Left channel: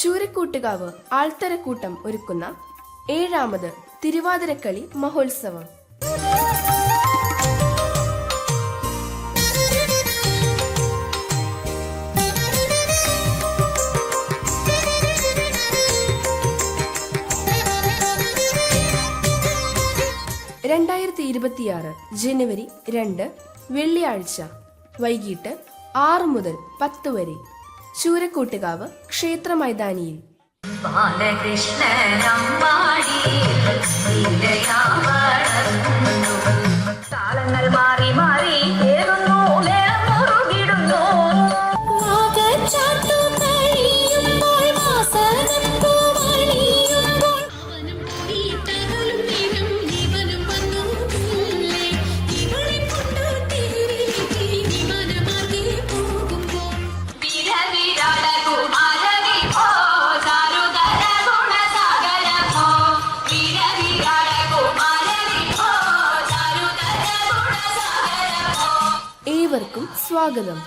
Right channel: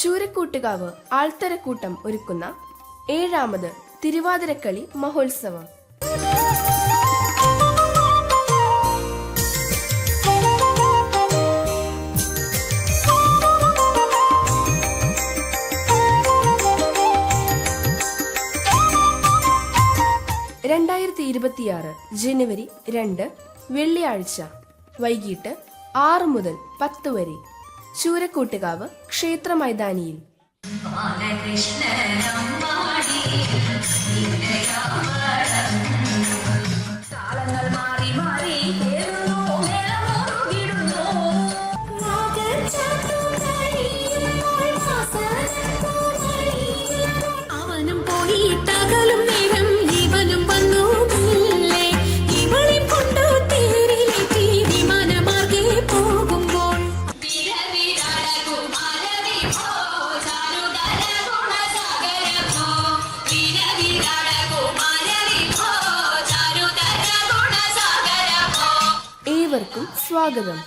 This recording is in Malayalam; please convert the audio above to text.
ചൂരക്കൂട്ടുകാവ് ആൾത്തരക്കൂട്ടം ഒരുക്കുന്ന ഏഴാമത് തിരുവാതിരക്കളി മഹോത്സവം. രണ്ടായിരത്തി ഇരുപത്തിയാറ് ജനുവരി രണ്ട് വെള്ളിയാഴ്ച വൈകിട്ട് ആറ് മുതൽ പത്ത് വരെ. ചൂരക്കൂട്ടുകാവ് ക്ഷേത്ര മൈതാനിയിൽ. താളങ്ങൾ മാറി മാറി ഏവർക്കും സ്വാഗതം.